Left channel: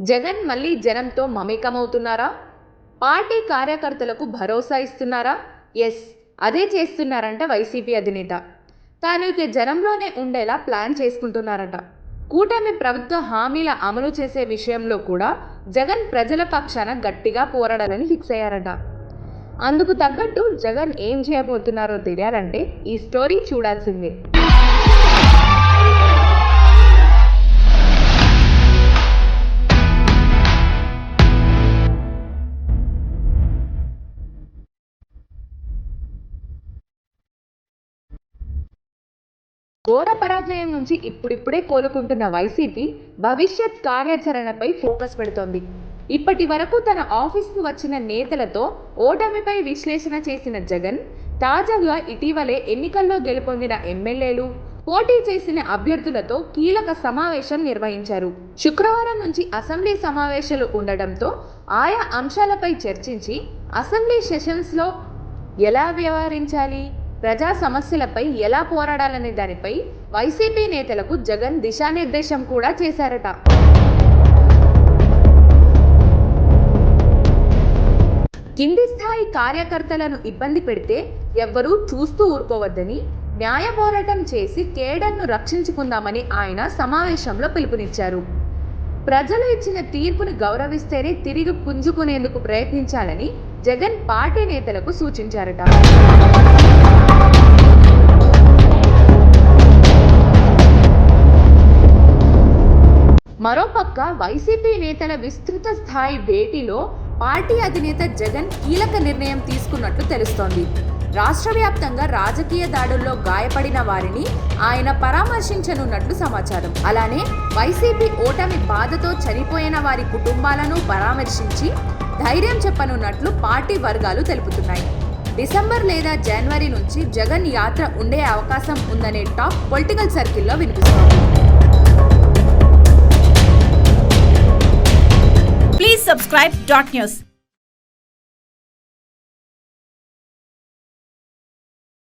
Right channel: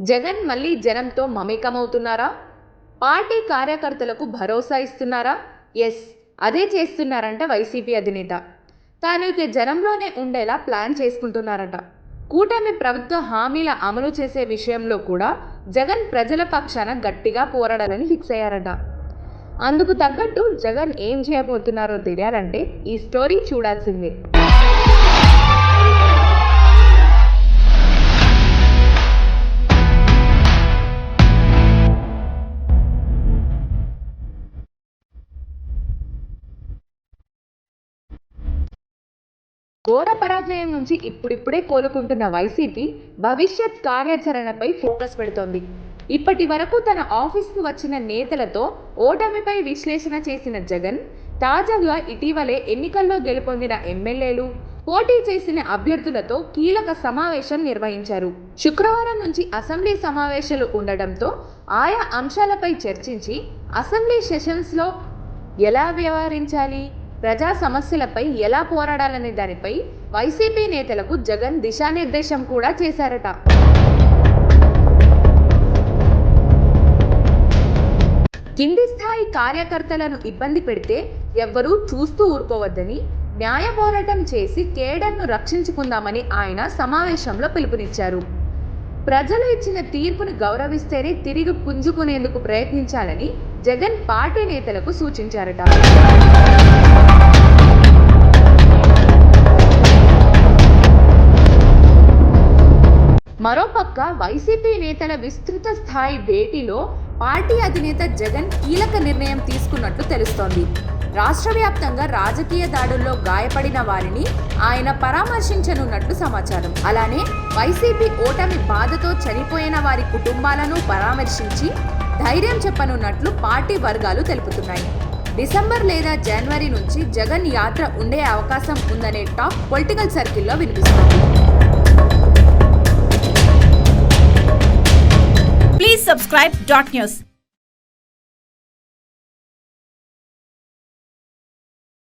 జగన్ మళ్ళీ జనంతో మమేకమవుతున్నారా? పార్టీ కార్యకర్తలకు భరోసా ఇస్తున్నారా? ఎస్, అదే చేస్తున్నారంట వైసీపీ అధినేత. తాను ఇక జనంలోనే ఉండేలా ప్లాన్ చేసుకుంటున్నారట. కూటమి ప్రభుత్వ హామీల అమలు చేసే విషయంలో కూడా జగన్ ప్రజల పక్షాన గట్టిగా పోరాడాలని ఫిక్స్ అయ్యారట. అందుకు తగ్గట్టు జగన్ ఏం చేయబోతున్నారో తెలియాలంటే ఈ స్టోరీ చూడాల్సిందే. ఘోర పరాజయం నుంచి ఇప్పుడిప్పుడే కోలుకుంటున్న వైసీపీ భవిష్యత్ కార్యాచరణపై ఫోకస్ పెడుతోంది. ఇప్పటి వరకు తన ఆఫీస్కు వచ్చిన నేతలతో ఓటమిపై విశ్లేషణ చేసిన జగన్ తాజాగా ఇటీవలే ఎన్నికల్లో గెలుపొందిన ఎమ్మెల్యేలు, పోటీ చేసిన అభ్యర్థులతో కీలక సమావేశం నిర్వహించారు. శుక్రవారం నుంచి అసెంబ్లీ సమావేశాలు ఉండడంతో ఆయా అంశాలపై చర్చించి అసెంబ్లీ సెషన్స్లో ఎలా వ్యవహరించాలి, ప్రజా సమస్యలపై ఎలా పోరాడాలనే దానిపై వైసీపీ నేతలకు జగన్ దిశానిర్దేశం కూడా చేశారట. కింది స్థాయి కార్యకర్తలను ఇబ్బంది పెడితే ఎవ్వరూ చూస్తూ ఊరుకోవద్దని, న్యాయ పోరాటం చేసి కేడర్ను రక్షించుకుందామని ఆయన సమావేశంలో పిలుపునిచ్చారు. ప్రజలు ఇచ్చిన తీర్పును గౌరవిస్తేనే తిరిగి పుంజుకునేందుకు ప్రయత్నించాలని జగన్ పార్టీ నేతలకు సూచించారట. మరోపక్క వైసీపీ నేతల విస్తృత స్థాయి భేటీలో పార్టీ అధినేత జగన్ కీలక నిర్ణయం తీసుకున్నట్లు తెలుస్తోంది. రాష్ట్ర వ్యాప్తంగా రాజకీయ దాడుల్లో గాయపడిన వారిని ఆయన పరామర్శించనున్నట్లు సమాచారం. అలానే వైసీపీ ఓటమి బాధతో చనిపోయిన వారి కుటుంబాలను పరామర్శించి ధైర్యం చెప్పనున్నట్లు పార్టీ వర్గాలు తెలుపుతున్నాయి. డిసెంబర్ లేదా జనవరి నుంచి జగన్ యాత్ర ఉండే అవకాశం ఉందనే టాక్ పొలిటికల్ సర్కిల్లో వినిపిస్తోంది. Please subscribe Dot News.